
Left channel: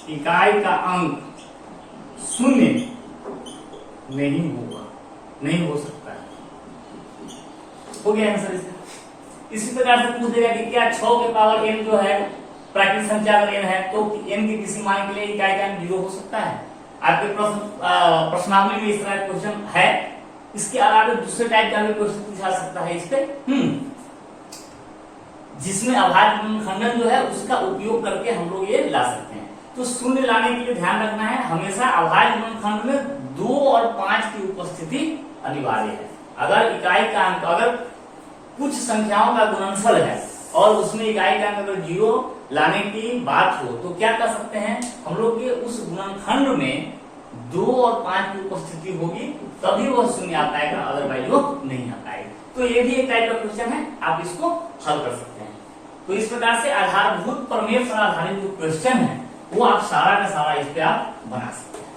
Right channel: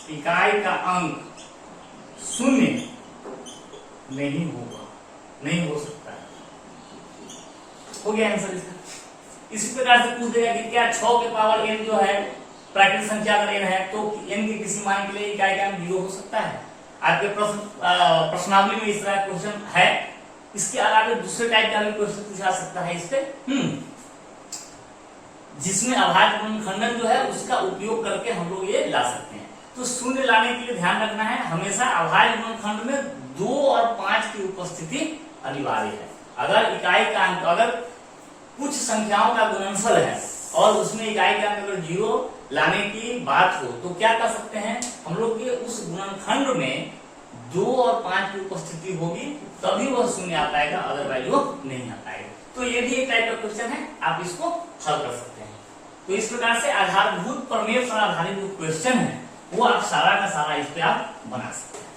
इकाई का अंक शून्य नहीं होगा, नहीं हो सकता है। हो गया आंसर इसका। इसी प्रकार से पूछ देगा कि क्या 6 के पावर n जो है प्राकृतिक संख्या अगर n है तो n के किसी मान के लिए इकाई का अंक 0 हो सकता है? आपके प्रश्नावली में इस तरह क्वेश्चन है। इसके अलावा दूसरे टाइप का भी क्वेश्चन पूछा सकता है इस पे, जिसमें अभाज्य गुणनखंडन जो है उसका उपयोग करके हम लोग ये ला सकते हैं। तो शून्य लाने के लिए ध्यान रखना है, हमेशा अभाज्य गुणनखंड में 2 और 5 की उपस्थिति अनिवार्य है। अगर इकाई का अंक, अगर कुछ संख्याओं का गुणनफल है और उसमें इकाई का अंक अगर 0 लाने की बात हो, तो क्या कर सकते हैं हम लोग के उस गुणनखंड में 2 और 5 की उपस्थिति होगी, तभी वह शून्य आ पाएगा, अदरवाइज वो नहीं आ पाएगा। तो ये भी एक टाइप का क्वेश्चन है, आप इसको हल कर सकते हैं। तो इस प्रकार से आधारभूत प्रमेय पर आधारित जो क्वेश्चन है वो आप सारा का सारा इस पे आप बना सकते हैं।